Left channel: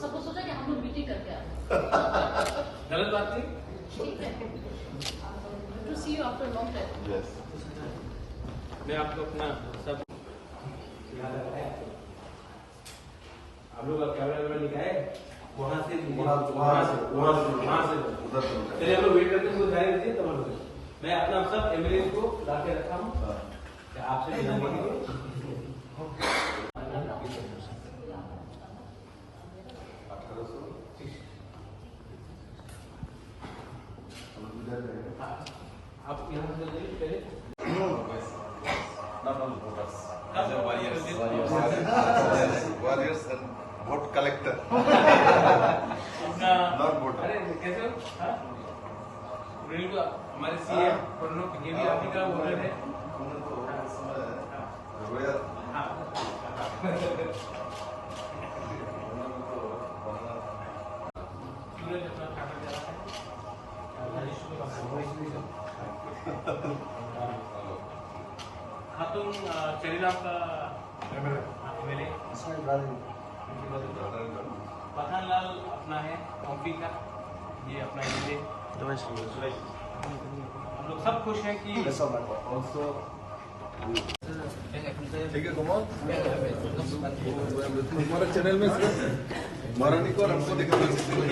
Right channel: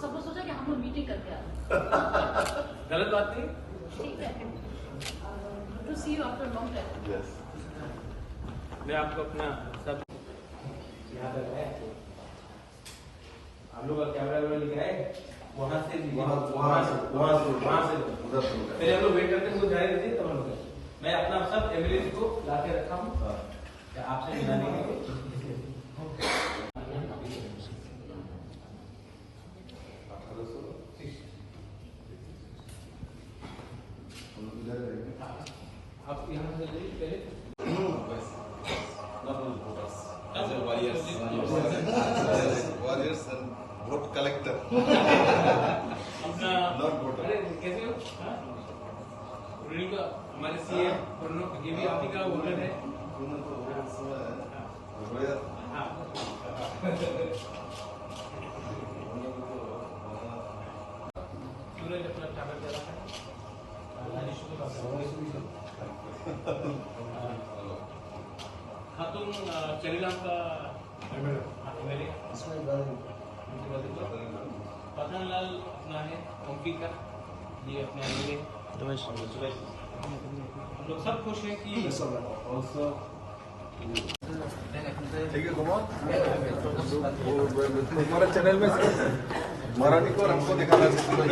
सबको सोचा कि हम लोग मीटिंग करके आ रहे हैं। गलत बात नहीं। ठीक है, to see you after long time. Yes मैं आपको अपना सब आप लोग का कैमरा वैमरा दिखाए वहाँ से चलिए हम लोग वेट करते हैं जाएंगे तो मैं अपना सब एम्बुलेंस को ला के रखा हूँ आपसे मिलाने के लिए। आप यहाँ से जाइए पहले warriors and vote collector not voter अरे कैसे हो? हमारे सीए आर्टिकल बोल रहे थे। हाँ सूरज अपना खाना जा रहा है। खातून चलीराम का मेरे पठानलाल अपना है ओमपी का, ये अपना एमएलए हम लोग सब खुश हैं कि ठीक है कुमार हमारे चैनल में मराठी को हमको दिखाना चाहिए।